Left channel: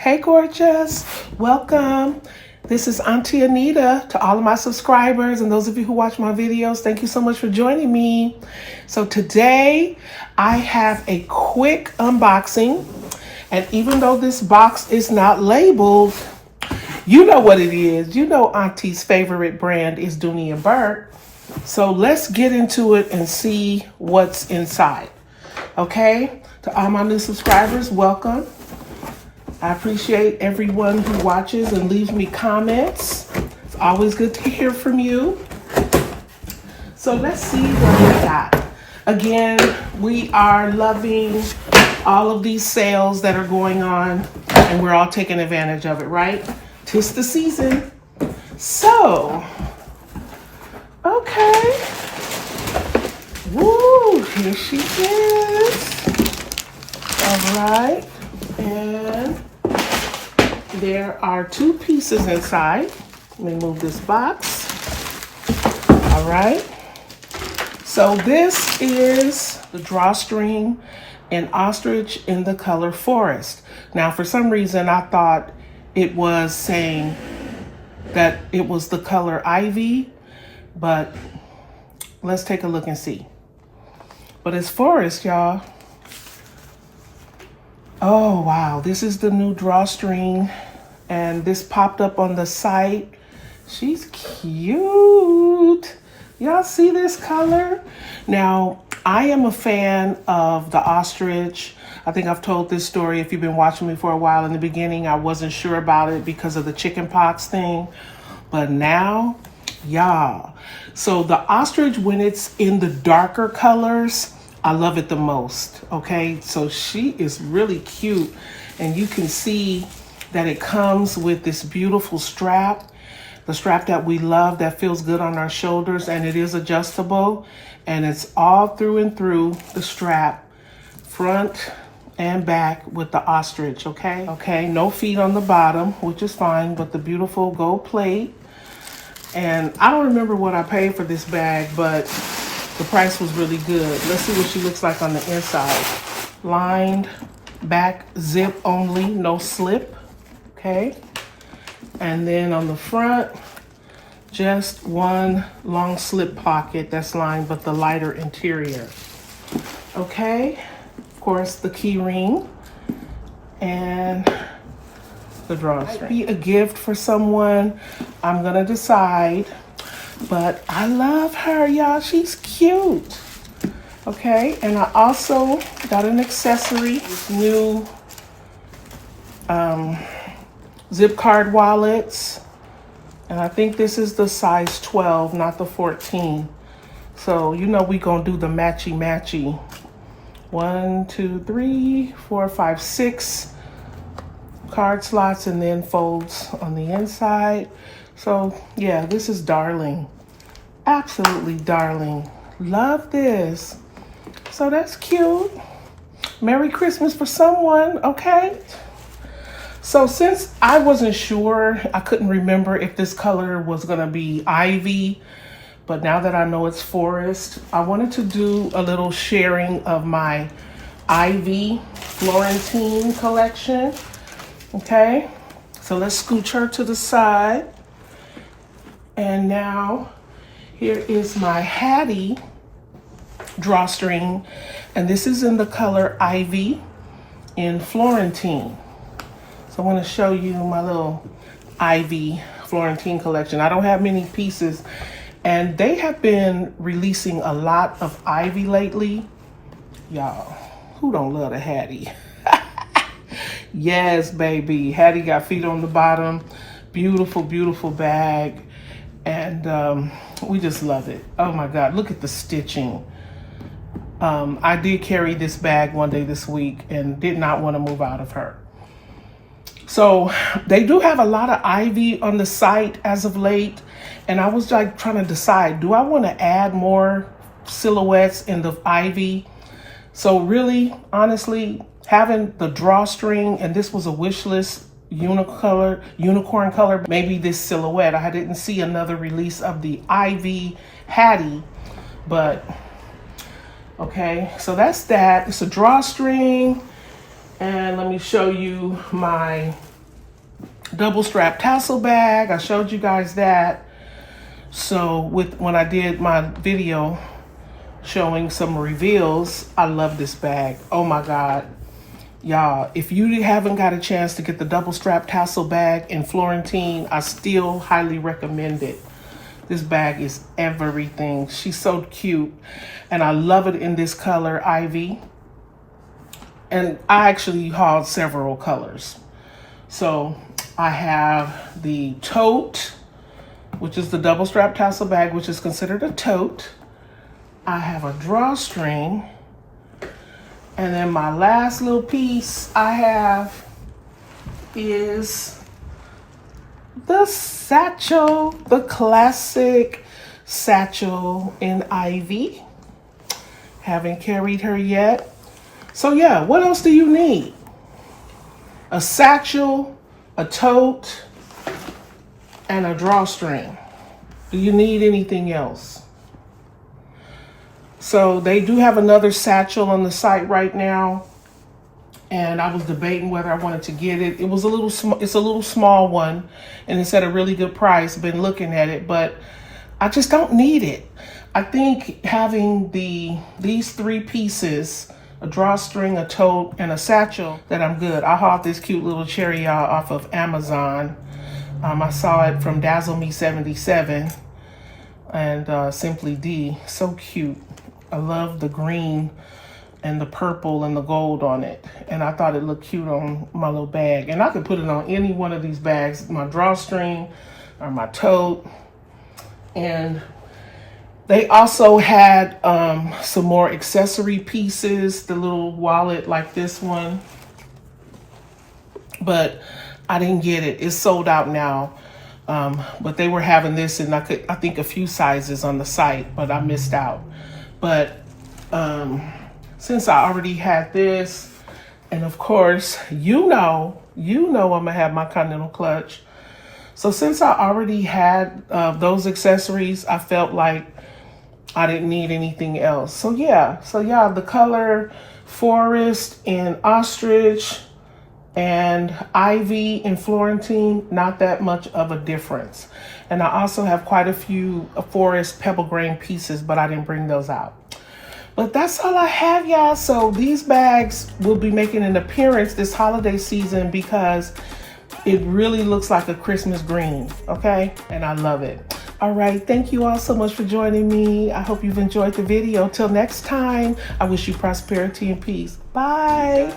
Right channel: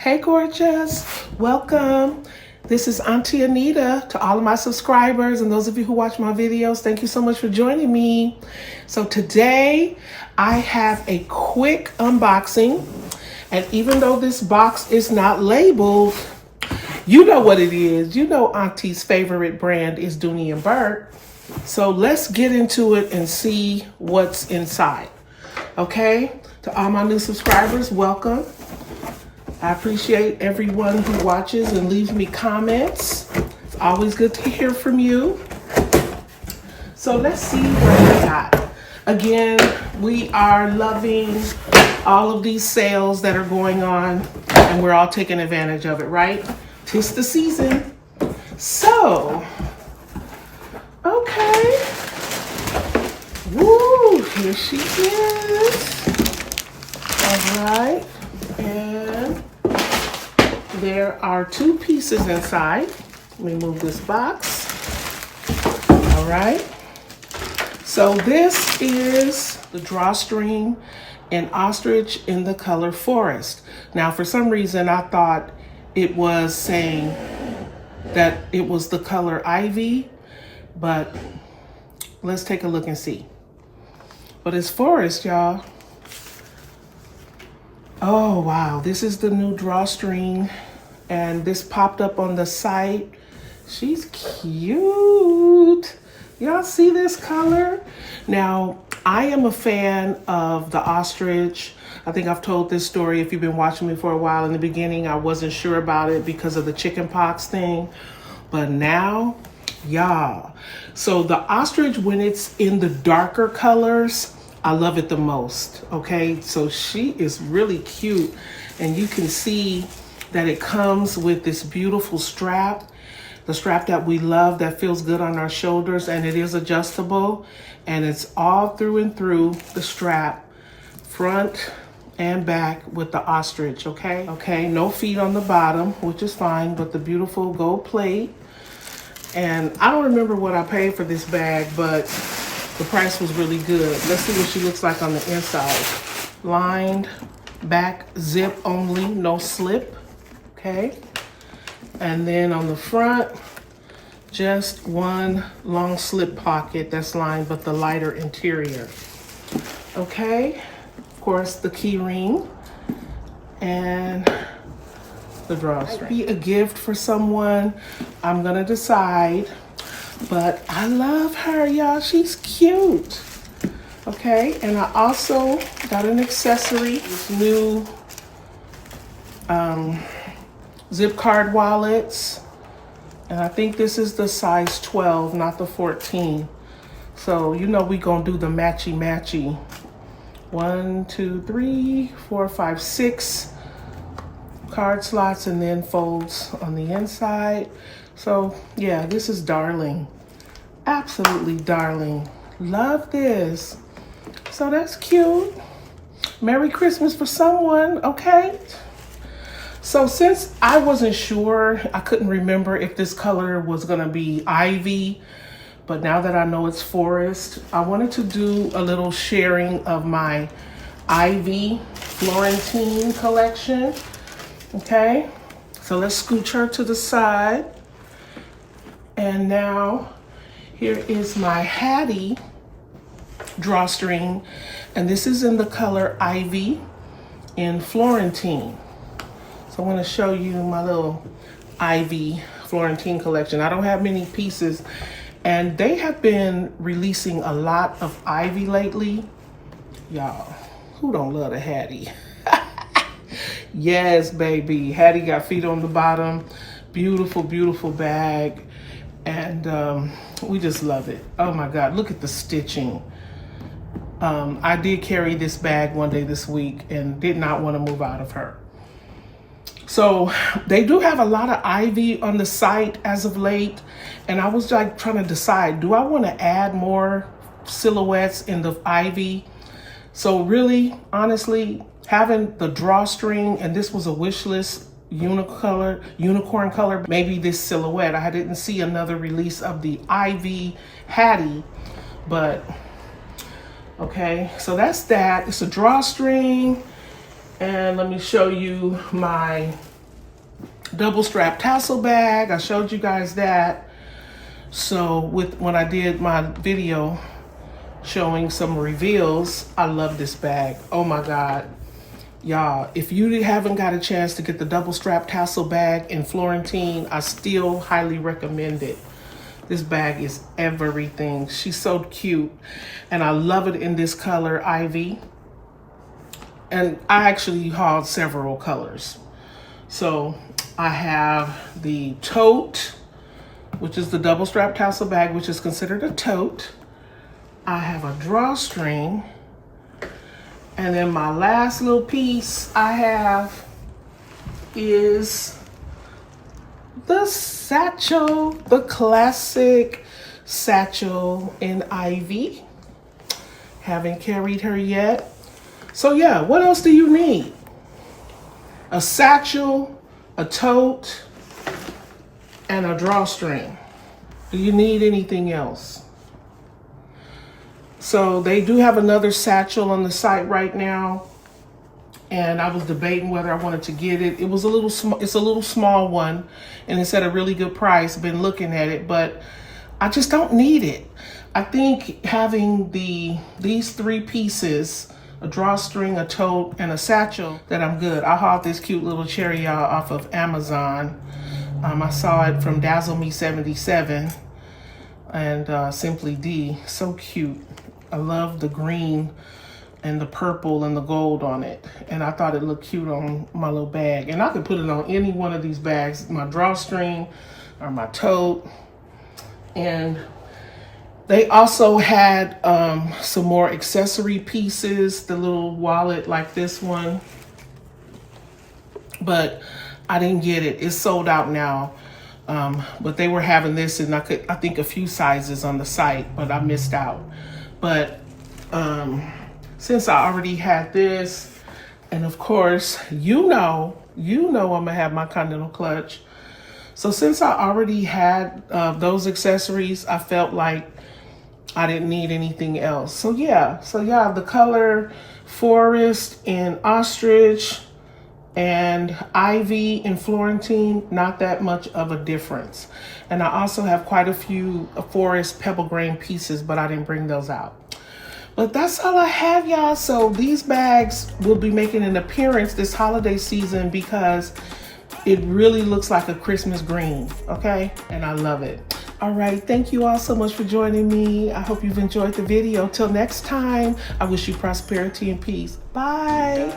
Hey, gorgeous. Welcome. This is Auntie Anita. To all of my subscribers and those of you who watch my videos, thank you so much for joining me. So today I have a quick unboxing. And even though this box is not labeled, you know what it is. You know Auntie's favorite brand is Dooney Bourke. So let's get into it and see what's inside. Okay? To all my new subscribers, welcome. I appreciate everyone who watches and leaves me comments. It's always good to hear from you. So let's see what we got. Again, we are loving all of these sales that are going on, and we're all taking advantage of it, right? 'Tis the season. So, okay. Woo, here she is. All right, and there are two pieces inside. Let me move this box. All right. So this is the drawstring in ostrich in the color forest. Now, for some reason, I thought it was saying that it was the color ivy, but let's take a look and see. But it's forest, y'all. Oh, wow. This is the new drawstring, and this popped up on the site. She's cute. Y'all see this color? Now, I am a fan of the ostrich. I think I've told this story if you've been watching me for a while. In the beginning, I wasn't sure about it because of the chicken pox thing. But now, y'all. So the ostrich, when it's in the darker colors, I love it the most, okay? So she is really cute, and you can see that it comes with this beautiful strap, the strap that we love that feels good on our shoulders, and it is adjustable, and it's all through and through the strap, front and back with the ostrich, okay? Okay, no feet on the bottom, which is fine, but the beautiful gold plate. And I don't remember what I paid for this bag, but the price was really good. Let's see what she looks like on the inside. Lined back, zip only, no slip, okay? And then on the front, just one long slip pocket that's lined with the lighter interior. Okay, of course, the key ring and the drawstring. Might be a gift for someone. I'm gonna decide. But I love her, y'all. She's cute. Okay, and I also got an accessory, this new zip card wallets. And I think this is the size 12, not the 14. So, you know, we gonna do the matchy-matchy. 1, 2, 3, 4, 5, 6 card slots, and then folds on the inside. So yeah, this is darling. Absolutely darling. Love this. So that's cute. Merry Christmas for someone, okay? So since I wasn't sure, I couldn't remember if this color was gonna be ivy, but now that I know it's forest, I wanted to do a little sharing of my ivy Florentine collection, okay? So let's scooch her to the side. And now here is my Hattie drawstring, and this is in the color Ivy in Florentine. So I want to show you my little Ivy Florentine collection. I don't have many pieces, and they have been releasing a lot of Ivy lately. Y'all, who don't love a Hattie? Yes, baby. Hattie got feet on the bottom. Beautiful, beautiful bag. And we just love it. Oh my God, look at the stitching. I did carry this bag one day this week and did not want to move out of her. So they do have a lot of ivy on the site as of late. And I was like trying to decide, do I want to add more silhouettes in the ivy? So really, honestly, having the drawstring, and this was a wish list unicorn color, maybe this silhouette. I didn't see another release of the Ivy Hattie, but okay, so that's that. It's a drawstring, and let me show you my double strap tassel bag. I showed you guys that. So when I did my video showing some reveals, I love this bag. Oh my God. Y'all, if you haven't got a chance to get the double strap tassel bag in Florentine, I still highly recommend it. This bag is everything. She's so cute. And I love it in this color, Ivy. And I actually hauled several colors. So I have the tote, which is the double strap tassel bag, which is considered a tote. I have a drawstring. And then my last little piece I have is the satchel, the classic satchel in Ivy. Haven't carried her yet. So yeah, what else do you need? A satchel, a tote, and a drawstring. Do you need anything else? So they do have another satchel on the site right now, and I was debating whether I wanted to get it. It was a little small. It's a little small one, and it's at a really good price. Been looking at it, but I just don't need it. I think having these three pieces, a drawstring, a tote, and a satchel, that I'm good. I hauled this cute little cherry off of Amazon. I saw it from Dazzle Me 77 and Simply D. So cute. I love the green and the purple and the gold on it. And I thought it looked cute on my little bag. And I could put it on any one of these bags, my drawstring or my tote. And they also had some more accessory pieces, the little wallet like this one. But I didn't get it. It's sold out now. But they were having this in I think a few sizes on the site, but I missed out. But since I already had this, and of course, you know I'm gonna have my Continental clutch. So since I already had those accessories, I felt like I didn't need anything else. So yeah, the color Forest and Ostrich and Ivy and Florentine, not that much of a difference. And I also have quite a few Forest pebble grain pieces, but I didn't bring those out. But that's all I have, y'all. So these bags will be making an appearance this holiday season because it really looks like a Christmas green, okay? And I love it. All right, thank you all so much for joining me. I hope you've enjoyed the video. Till next time, I wish you prosperity and peace. Bye.